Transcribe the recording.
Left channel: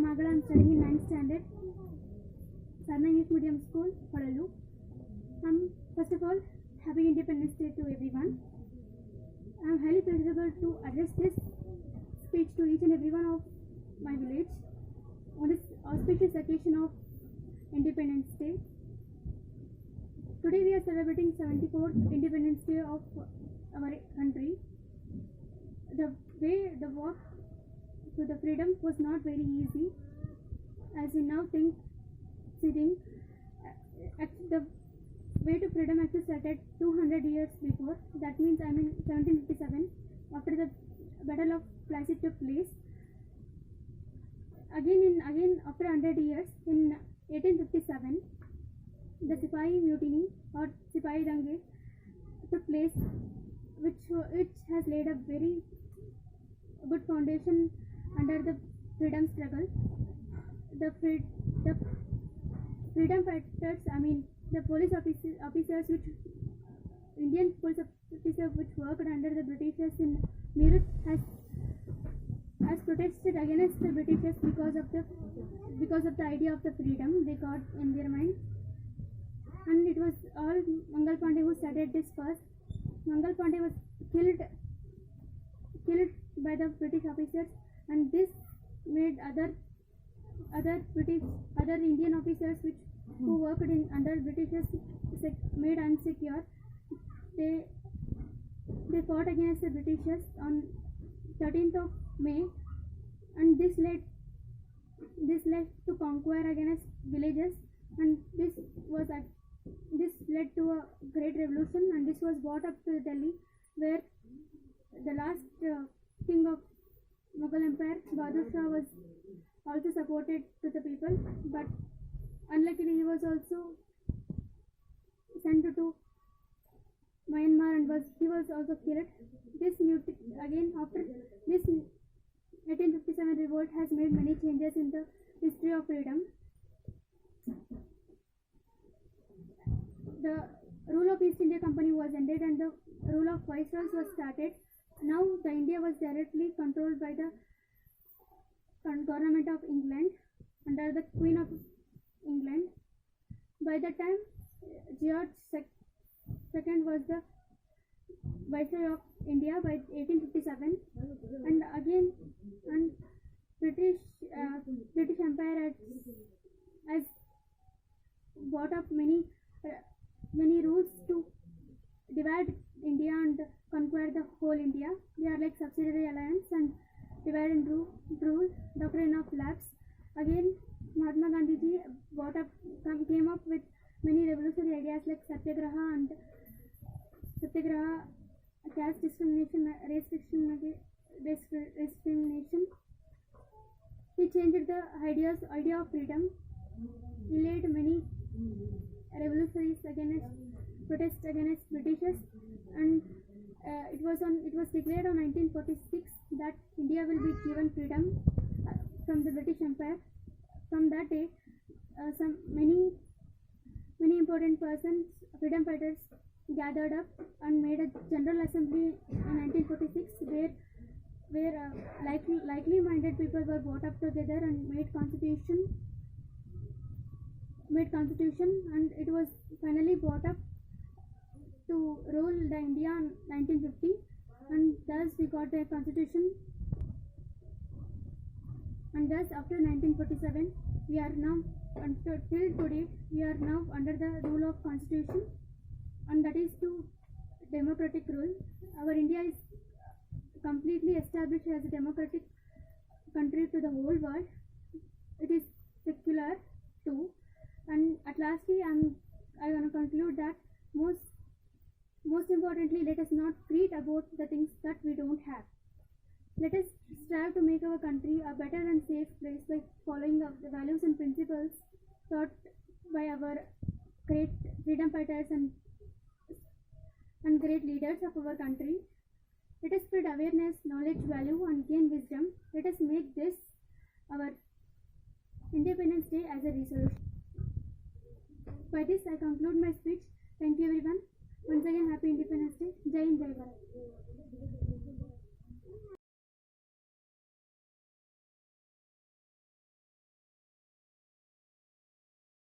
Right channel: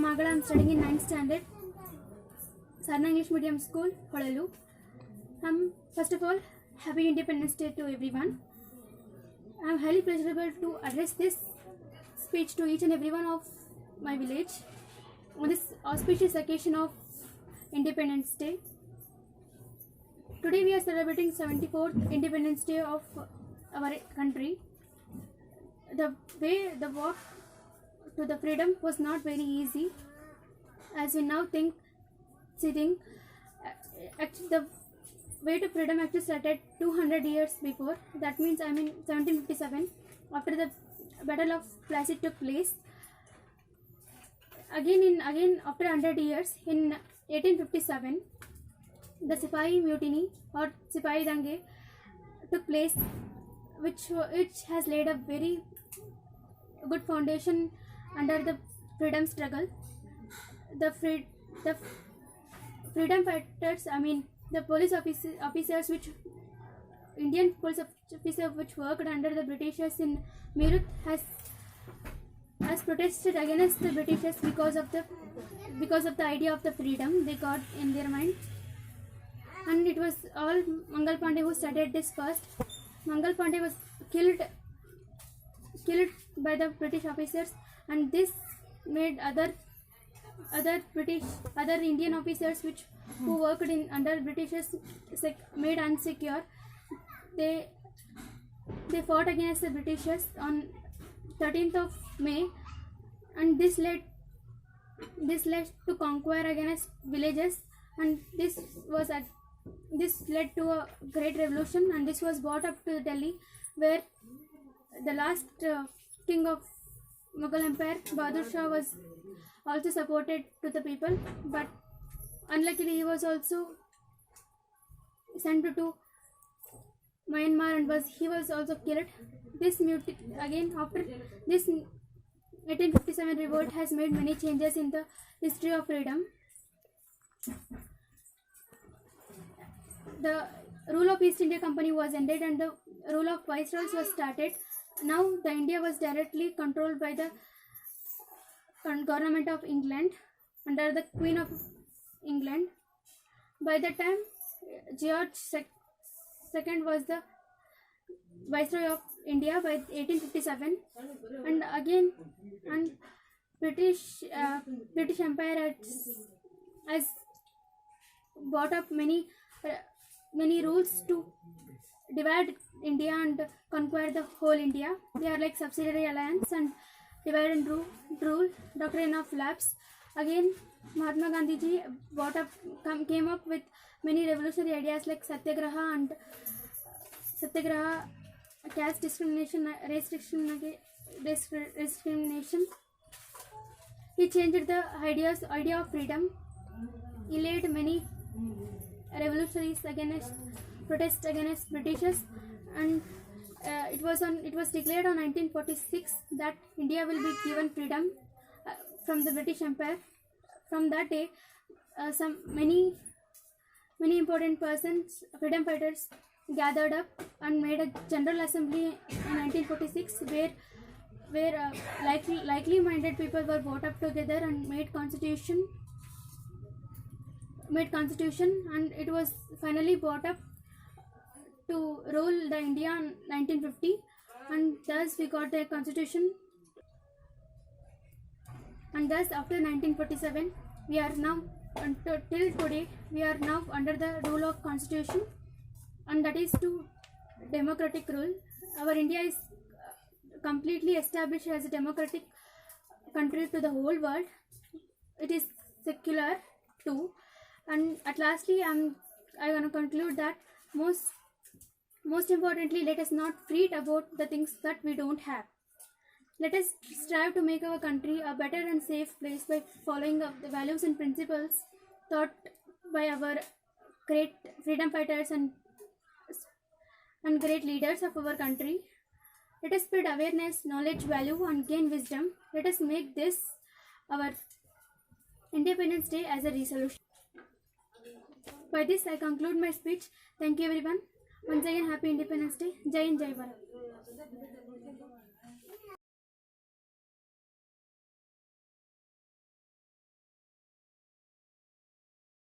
from Magala. I am studying in 9th standard, Sarna English Medium School, Hodalu. First of all, Happy Independence Day to everyone. I am highly pleasurable to address this speech to each and everyone of my village on this auspicious occasion of Independence Day. Today we are celebrating 74th Independence Day of our country. The way the walk to the freedom was not very easy, as we now think. Actually, the way to freedom actually started 200 years before. That means 1757, after the Battle of Plassey took place. Again after 100 years, in 1857, the Sipahi Mutiny or Sipahi Dange took place, which has laid a very good foundation under the freedom struggle. The freedom fighters, the police officers which Indian police officer which worked under the Britishers in Meerut has protested against the Britishers because of the idea of the freedom they got in their mind. And it was all Mangal Pandey who started this first. Mangal Pandey was killed by the British officers, and this made other Indian officers who worked under Britishers made insecure. They fought against the Britishers on 13th of May, and this led to conquer against villages, and this led to a great revolution, and this was brought up to Delhi, where the last king of Mughal Empire, Bahadur Shah, was also supported to the people, but unluckily he was also sent to Myanmar and he was also killed. After this 1857 revolt has made many changes in the history of freedom. The rule of East India Company was ended and the rule of viceroys was started. Now the India was directly controlled by the government of England under the Queen of England. By the time George II was the Viceroy of India by 1857, and British Empire has brought up many rules to divide India and conquer the whole India. They are like subsidiary alliance and divide and rule, doctrine of lapse. Again, Mahatma Gandhi ji came up with many revolutionary ideas like Satyagraha, caste discrimination, race discrimination. He changed the idea of freedom. He led many revolutionaries protest against Britishers, and it was declared on 1946 that India will be given freedom from the British Empire. From that day, many important persons, freedom fighters, gathered up and made a general assembly in 1946, where likely-minded people were brought up together and made constitution, and it was finally brought up to rule the India in 1950, and thus we got the constitution. And thus after 1947, we are now till today we are now under the rule of constitution, and that is to democratic rule. Our India is completely established as a democratic country to the whole world. It is secular too, and at lastly I want to conclude that most importantly, let us not fret about the things that we don't have. Let us strive to make our country a better and safe place by following the values and principles taught by our great freedom fighters and great leaders of our country. Let us spread awareness, knowledge, value, and gain wisdom. Let us make this our Independence Day as a resolution. By this, I conclude my speech. Thank you, everyone. Once again, Happy Independence Day. Jai Hind, Jai Bharat.